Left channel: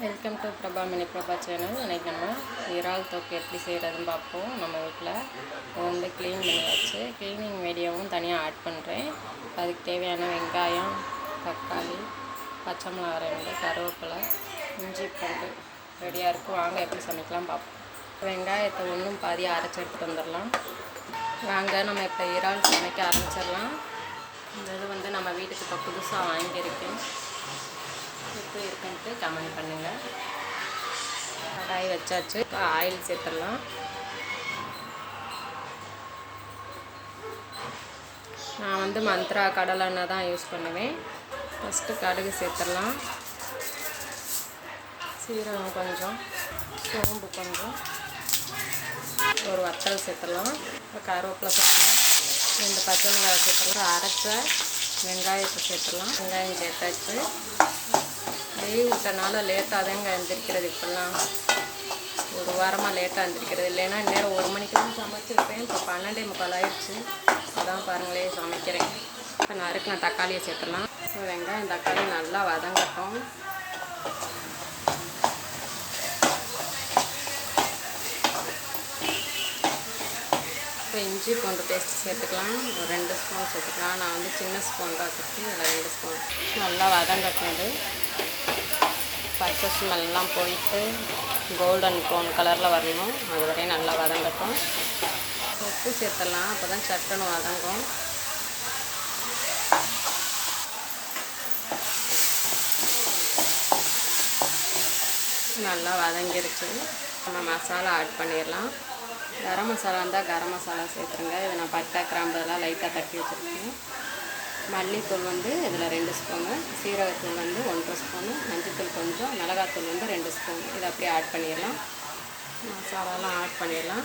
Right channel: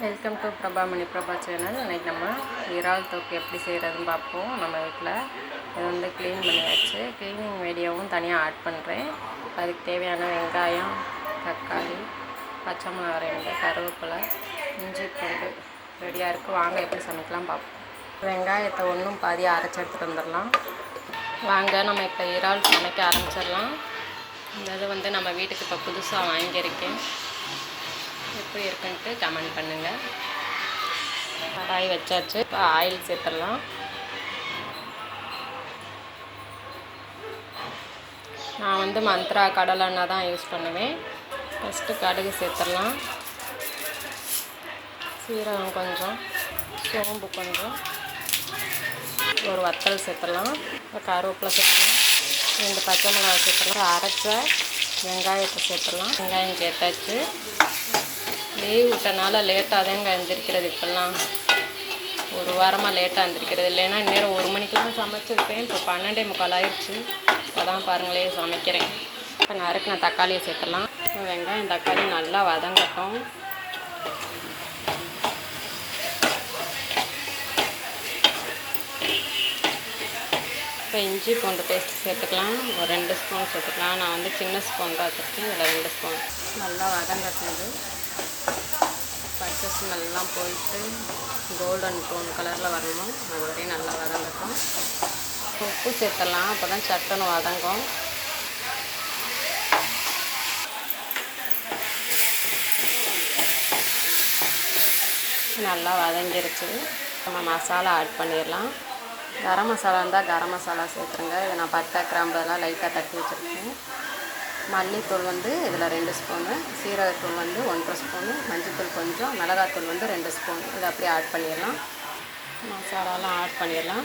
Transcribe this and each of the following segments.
Welcome to Prabha Mani Prabha channel இன்றைக்கி நம்ம இறால் தொக்கு எப்படி செய்கிறதுன்னு பார்ப்போம். நம்ம வீட்டில் இது வந்து க்ளீன் பண்ணியாச்சு. க்ளீனிங் வீடியோவும் தனியாக ஆட் பண்ணுறேன் அதுக்கு தேவையான வெங்காயம் தக்காளி பச்சை மிளகா ரெண்டு கருவேப்பிலை இஞ்சி பூண்டு ரெடியாக இருக்குது வாங்க எப்படி சமைக்கலாம் பார்ப்போம். வெங்காயத்தை ஒன்றும் பாதி அரைச்சி எடுத்துகிட்டு வந்துடலாம். வாங்க நம்ம இப்போ இறால் சமைக்க ஆரம்பிச்சிடலாம். இந்த இது வந்து நம்ம வீட்டுக்கு இப்போ புதுசாக வாங்கியிருக்கேன். எப்படி இருக்குன்ட்டு கமெண்ட் பண்ணுங்கள் கடாய் வச்சாச்சு. இப்போ ஆயில் சேர்த்துடலாம். நான் வந்து மந்த்ரா கடலெண்ணெய் தான் யூஸ் பண்ணுவேன். ஃபஸ்ட்டு கடுகு சேர்த்துடலாம். சீரகம் கொஞ்சம் சோம்பு கொஞ்சம். ஒரு வத்தல் சேர்த்துடலாம். இப்போ கருவேப்பிலை சேர்த்துலாம் ரெண்டு பச்சை மிளகாய் சேர்த்துலாம் அரைச்ச வெங்காயத்தை சேர்த்துடலாம். வெங்காயம் சேர்த்தாச்சு. லீவ் விட்டனால லேட்டாக தாங்க எழுந்திரிக்கிறது இப்போல்லாம். ஒரு வாரமாக லேட்டாக எழுந்திருக்கிறது இல்லைன்னா இந்நேரம் ஒரு மணிக்கெல்லாம் சமைச்சிருப்பேன். இப்போ பன்னெண்டே முக்கால் ஆயிடுச்சு அதான் பாருங்களே சமைக்கிறேன். இப்போ நறுக்கு நான் தக்காளியை சேர்த்துலாம் வெங்காயம் தக்காளி நல்லா வதங்கட்டும். இப்போ இஞ்சி பூண்டு பேஸ்ட் சேர்த்துக்கலாம். ஒரு ரெண்டு ஸ்பூன் சேர்த்துக்கலாம். நான் வந்து சின்ன ஸ்பூன் தான் வச்சுருக்கேன். இதில் ரெண்டு ஸ்பூன் நல்லா வதங்கட்டினது பச்சை ஸ்மெல்லாம் போயிட்டு கோல்டன் ப்ரௌன் கலரில் வரணும். அது வரையும் நல்லா வதங்கட்டும். உப்பு சேர்த்துடலாம். அப்போ தான் சட்டுன்னு வதங்கும். நல்லா வதங்கிருச்சு. நம்ம மசாலா ஆட் பண்ணிடலாம். கரம் மசாலா இருந்தால் கரம் மசாலா சேர்த்துருங்க. இது நான் பட்டை கிராம்பு எல்லாம் லைட்டாக தட்டி வச்சுருக்கேன். மல்லித்தூள் வந்து இதில் ரெண்டு ஸ்பூனு சீரகத்தூள் வந்து ஒன்றரை ஸ்பூனு மஞ்சத்தூள் கொஞ்சம் மிளகாத்தூள் வந்து ரெண்டு ஸ்பூன். இதை அப்படியே ஆட் பண்ணிடலாம். மசாலாலாம் ஆட் பண்ணிடலாம்.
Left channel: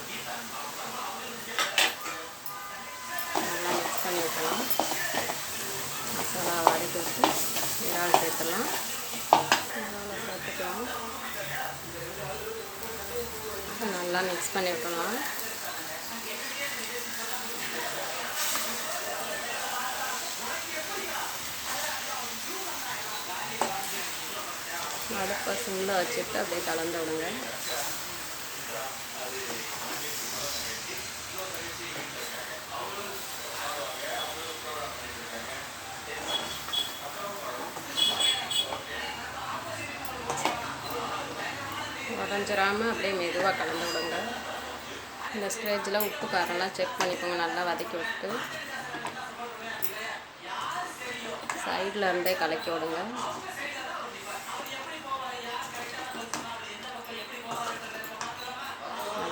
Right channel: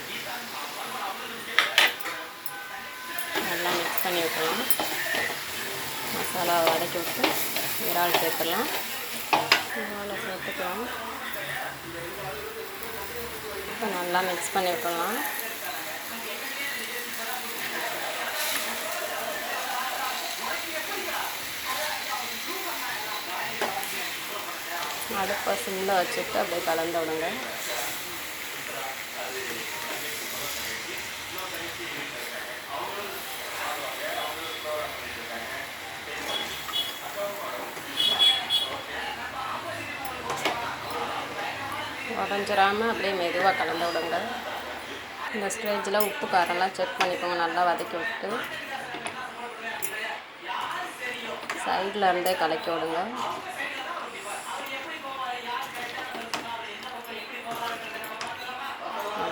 நல்லா மிக்ஸ் பண்ணி விட்டுலாம் மசாலா வதக்கி விட்டு இறால் சேர்த்துடலாம். இறாலை சேர்த்துக்கலாம். இப்போ நல்லா மிக்ஸ் பண்ணி விட்டுடலாம். அடுப்பை சிம்மில் வச்சுட்டு அப்படியே கலந்து விடுங்க உடஞ்சிராமல் அப்படியே மெதுவாக கலந்து விடுங்க இந்த ஸ்டேஜில் உப்பு காரம்லாம் செக் பண்ணிக்கோங்க. நல்லா வதக்கி விட்டு சைடில் இருந்தே கலக்கி விடுங்க.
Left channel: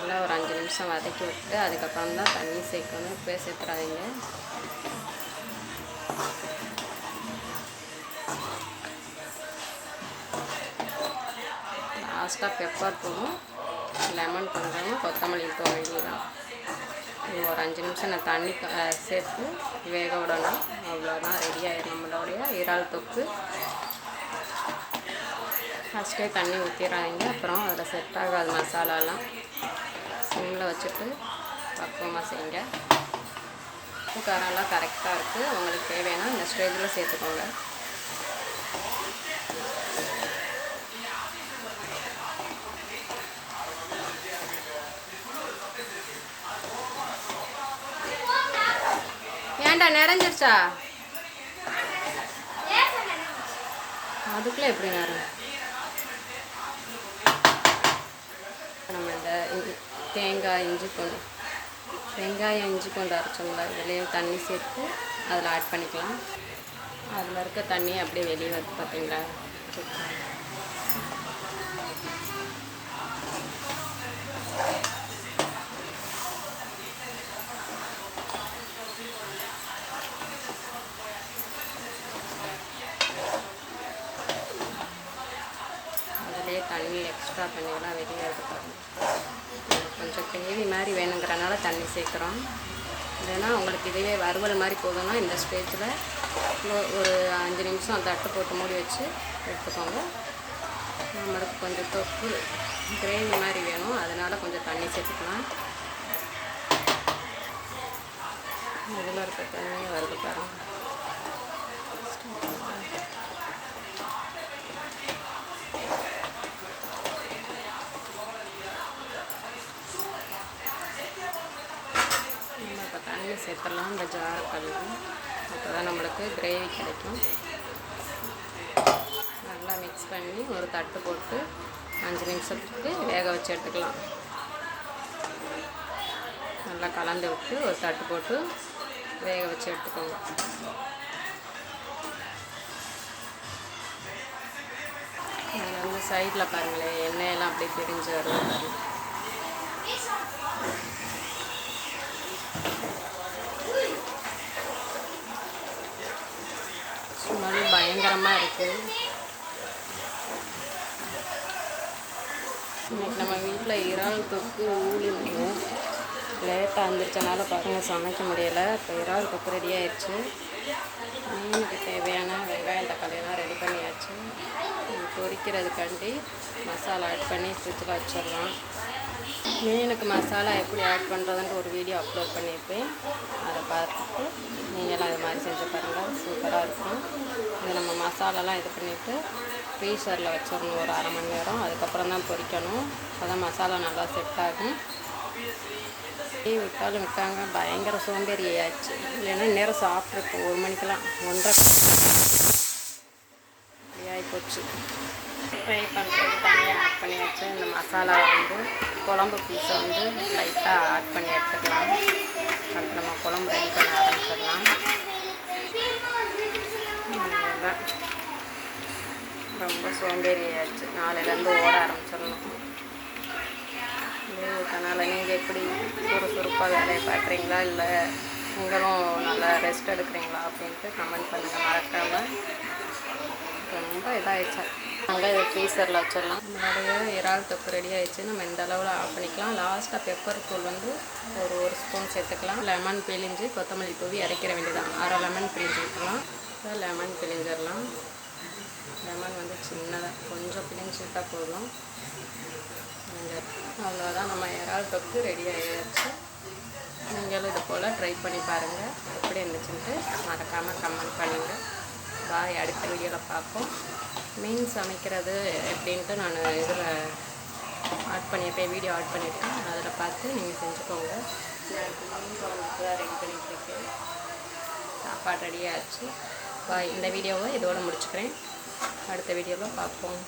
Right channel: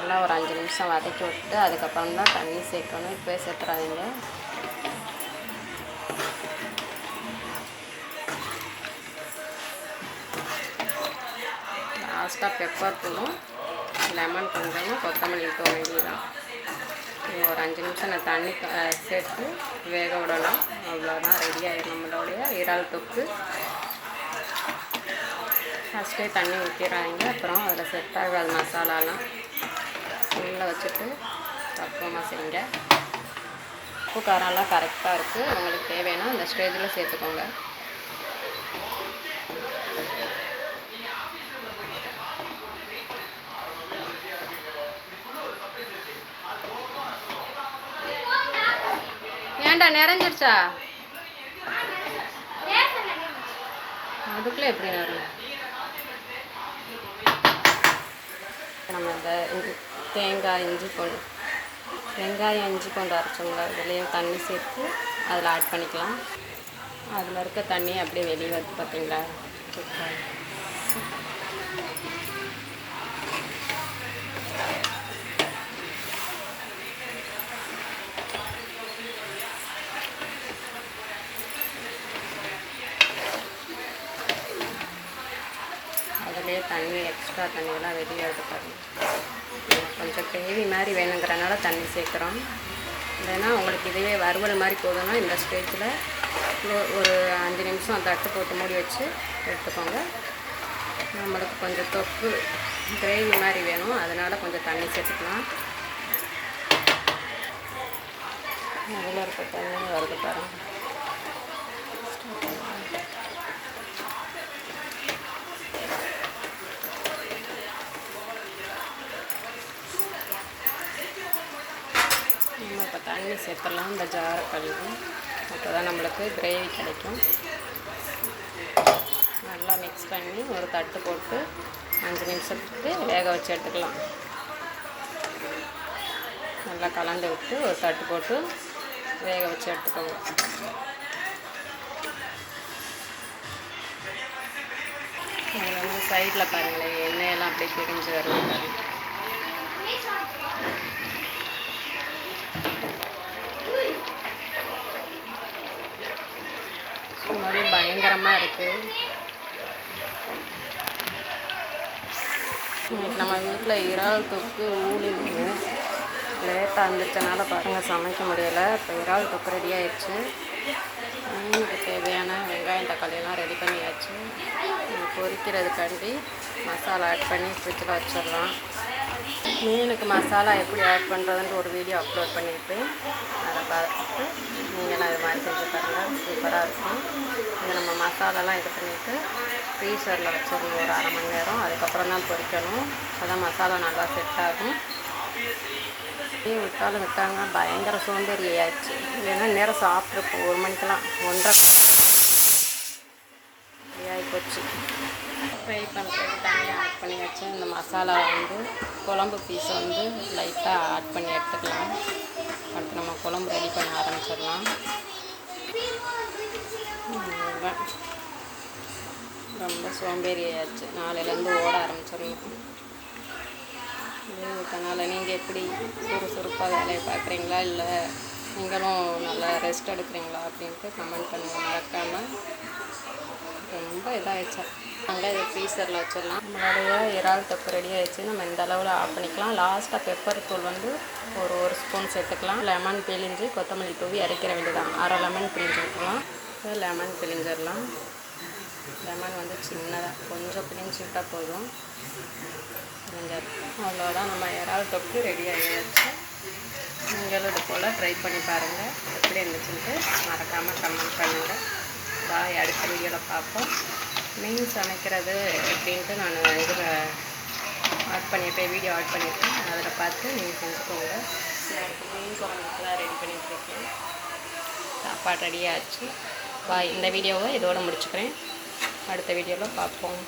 நல்லா ஒரு அஞ்சு நிமிஷம் வதக்கி விட்டு அதுக்கப்புறம் தான் தண்ணி சேர்க்கணும். இப்போ சேர்த்துறாதீங்க. லாஸ்ட்டாக பெப்பர் தூளும் லெமன் கொஞ்சமும் கொத்தமல்லி தூ வேண்டியதான் ஒரு அஞ்சு நிமிஷம் நான் தண்ணி சேர்த்து வேக விடணும் அவ்வளோதான் ரெடி ஆயிடும் நம்மளுடைய இறால் தொக்கு. ஃபஸ்ட்டே தண்ணி ஊற்றிடுறாங்க அப்புறம் அதில் செட் ஆகாது மசாலாலாம் சிம்மில் வச்சுட்டு பக்குவமாக செய்யுங்க. உப்பு காரம்லாம் கரெக்டாக இருக்குது உங்களுக்கு தேவைன்னா இந்த ஸ்டேஜில் சேர்த்துக்கோங்க. ஏன்டா நிறைஞ்சிருச்சா? அதுக்குள்ளே எப்படி நேரம் நம்ம இந்த தேங்காய் இஞ்சி கொண்டு வெங்காயம் இஞ்சி கொண்டு அரைச்சோம்ல இதுலேயும் தண்ணி சேர்த்து அதில் ஆட் பண்ணிக்கலாம். அதில் இருக்க தண்ணி அப்படியே வெளியே வருது பார்த்தீங்களா அதுலேயே தண்ணி எக்ஸ்ட்ரா தண்ணியெல்லாம் வெளியே எடுத்து பாருங்கள் கொஞ்சம் கிரேவி மாதிரி வேணுங்கிறனால தண்ணி சேர்க்குறோம். இல்லைன்னா உங்களுக்கு இதுவே வறுவல் மாதிரி போதும்னா இந்த ஸ்டேஜில் ஒரு அஞ்சு நிமிஷம் தட்டு போட்டு மூடி வச்சு எடுத்துக்கோங்க. நம்மளுக்கு கொஞ்சம் தொக்கு கிரேவி மாதிரி வேணும். அதனால் கொஞ்சம் தண்ணி சேர்த்துக்கலாம். அதில் இருக்க தண்ணி வருது பாருங்கள் தண்ணி சேர்த்துடலாம். இந்த ஜாரை கழுவி. அப்போ தான் நம்மளுக்கு கிரேவி கிடைக்கும். நல்லா மிக்ஸ் பண்ணி ஒரு தட்டு போட்டு அஞ்சு நிமிஷத்துக்கு வேக வச்சு எடுத்துக்கலாம். நல்லா கலந்து விட்டு ஒரு தட்டு போட்டு வேக வச்சு எடுத்துக்கோங்க. அதில் வந்து சைடில் பாருங்களேன் எண்ணெயெல்லாம் அப்படியே பிரிஞ்சு வருது பாருங்கள் பார்க்கும்போது பயங்கரமாக இருக்குது இன்னைக்கு நம்ம வீட்டில் இறால் தொக்கு ஊழி மீன் லேட்டாக இருந்துச்சனால பாருங்கள் சமைக்க முடியலை. இப்போ இறால் தொக்கு ரெடி ஆயிடுச்சு. மீனுக்கு தேவையான வெங்காயம் தக்காளியெல்லாம் ரெடி பண்ணியாச்சு. பொரிக்கிறதுக்காண்டி மசாலா ஆட் பண்ணி ஃப்ரிட்ஜில் வச்சிடலாம். மீனுக்கு மசாலா எப்படி ஆட் பண்ணுறதுன்ட்டு ஒரு வீடியோ அப்லோட் பண்ணியிருப்பேன். அதை பார்த்துட்டு நீங்களாம் இது மாதிரி செஞ்சு பாருங்கள் சூப்பராக இருக்கும். இது நம்ம மசாலாலாம் இது பண்ணிவிட்டு ஃப்ரீசரில் வச்சிடணும் ஒரு அரை மணி நேரம். அதுக்கப்புறம் தான் பொரிக்கணும் அதான் மசாலா நல்லா செட் ஆகும். டீ விட்டாலும் விட்டாங்க. பயங்கர சோம்பேறி ஆயிடுச்சு இல்லைன்னா நேரம் சாப்பிட்ருப்போம் ஒரு மணிக்கெல்லாம். ஒன்றரை ஆகி போச்சு ஃப்ரை பண்ணுறது தனியாக ஆட் பண்ணியாச்சு இந்த மசாலா வந்து குழம்பு பீஸை வந்து லைட்டாக ஆட் பண்ணி எடுத்துக்கலாம். அடுத்து நம்ம குழம்பு ரெடி பண்ண ஆரம்பிச்சிடலாம். ரொம்ப சோம்பேறி ஆயிடுச்சு நாளையிலேருந்து ஓட ஆரம்பிச்சிடணும். லீவ் விட்டனால நீங்கள் எப்படி சுறுசுறுப்பாக வேலையை பார்க்குறீங்களா? இல்லை நீங்களும் நல்லா ரெஸ்ட் எடுக்கிறீங்களா? அப்படின்ட்டு கமெண்ட் பண்ணுங்கள் மறக்காமல் ரொம்ப இதாகிடுச்சு நாங்கள் இதை ஃப்ரீசரில் வச்சிடலாம். நம்மளுடைய இறால் தொக்கு ரெடி ஆகிடுச்சு நம்ம இந்த அளவில் ஆஃப் பண்ணிக்கலாம். லாஸ்ட்டாக பெப்பர் தூள் வந்து ஒரு ஒரு ஸ்பூன் சேர்த்துக்கலாம். லெமன் பிழிஞ்சு கொத்தமல்லி தூவி அரைக்கிற வேண்டியதான் அரை லெமன் பிழிஞ்சு விட்டுலாம் லெமன் பிழிஞ்சிடலாம். லெமன் வந்து சின்னதாக கொஞ்சம் பிழிஞ்சு விட்டால் போதும். அவ்வளோதான் நம்ம இறால் தொக்கு ரெடி ஆகிடுச்சு நீங்களும் இது போல் ட்ரை பண்ணி பாருங்கள் எப்படி இருந்துச்சுன்ட்டு மறக்காமல் கமெண்ட் பண்ணுங்கள் பாய் அடுத்த வீடியோவில் பார்ப்போம். மீன் சமைக்கிறது எப்படின்ட்டு நான் இதில் ஆட் பண்ணியிருப்பேன் வீடியோ ஆட் பண்ணியிருக்கேன் அதில் பார்த்து நீங்கள் செஞ்சுக்கோங்க. மீன் குழம்புக்கு தான் ரெடி பண்ணிட்டுருக்கேன் சாப்பாடு ரெடியாகிடுச்சு ஆச்சு. பாய் இந்த வீடியோவை இதோடு முடிச்சுக்கிறேன். அடுத்த வீடியோவில் பார்ப்போம்.